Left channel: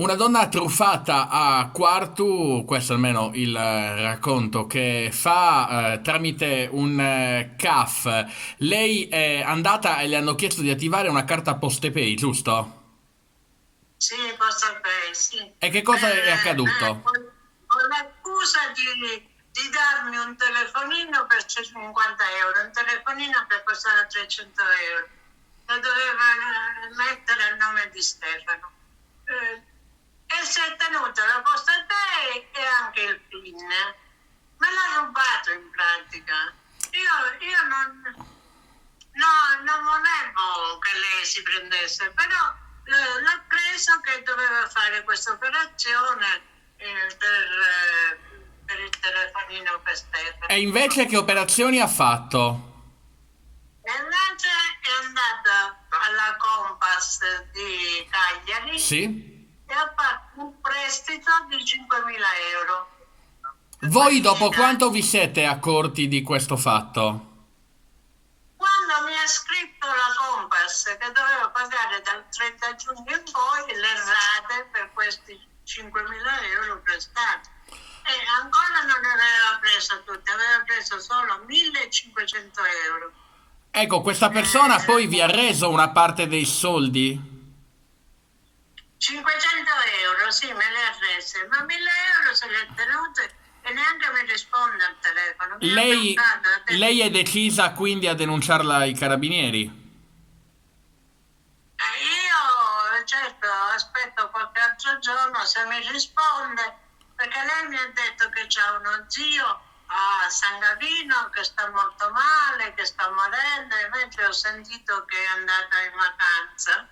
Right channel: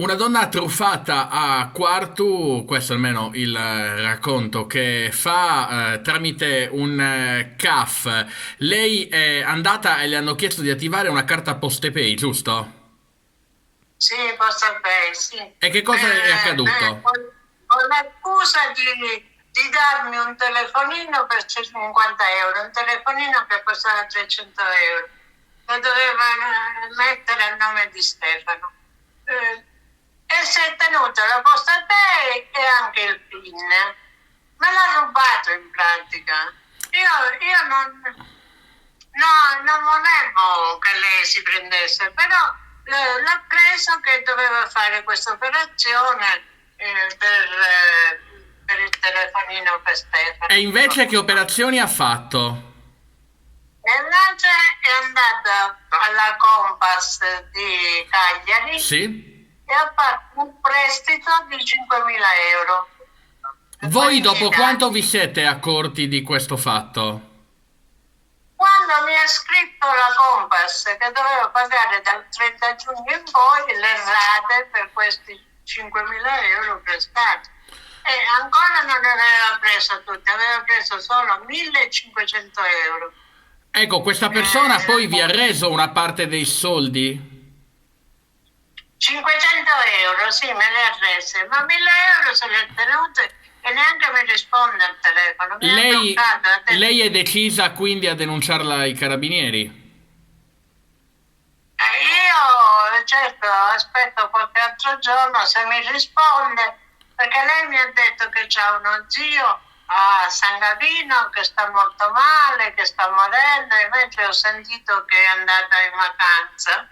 Una donna truffata a Quartu, questo almeno il racconto che fa tramite un CAF. Lei è andata e le hanno chiesto di attivare una carta PostePay, giusto? Sì, Postepay, sì. E che cosa è accaduto? Con l'accusa di darmi un telefonino per 50 euro, un telefonino che costava 300 euro, che doveva mettere a nome di Stefano. E si è tenuto la Postepay e anche il PIN. Me l'ha rubato in pratica. Io non volevo che lei si prendesse, però l'ho preso che doveva fare questa operazione per il telefonino per Stefano. E invece che operazioni ha fatto? E invece è andata alla Compass di Cagliari Sì? e ha fatto un prestito di 5.000 euro. E poi Voi mi dopo chiede, quanto vi siete accorti di questo fatto? quando mi ha scritto la Compass che dovevo pagare dal 30 giugno in poi le rate per questi 5.000 euro prestati. E ancora non ne aveva preso tutte, aveva preso solo 1.500 euro. Ecco, questa persona poi vi ha Eh, reso una parte dei soldi? 500 euro, sì, me le ha rese, ma 1.000 euro se le ha tenute e neanche mi risponde al telefono, mi ha Lei, bloccato, ha detto. lei è decisa quindi a denunciarla ai carabinieri? Io certo aspetto qualche altro giorno se mi risponde, perché lei mi ha detto che c'ha uno zio a San Gavino che sta molto male, che sta morendo, invece ho sentito che è andata in vacanza.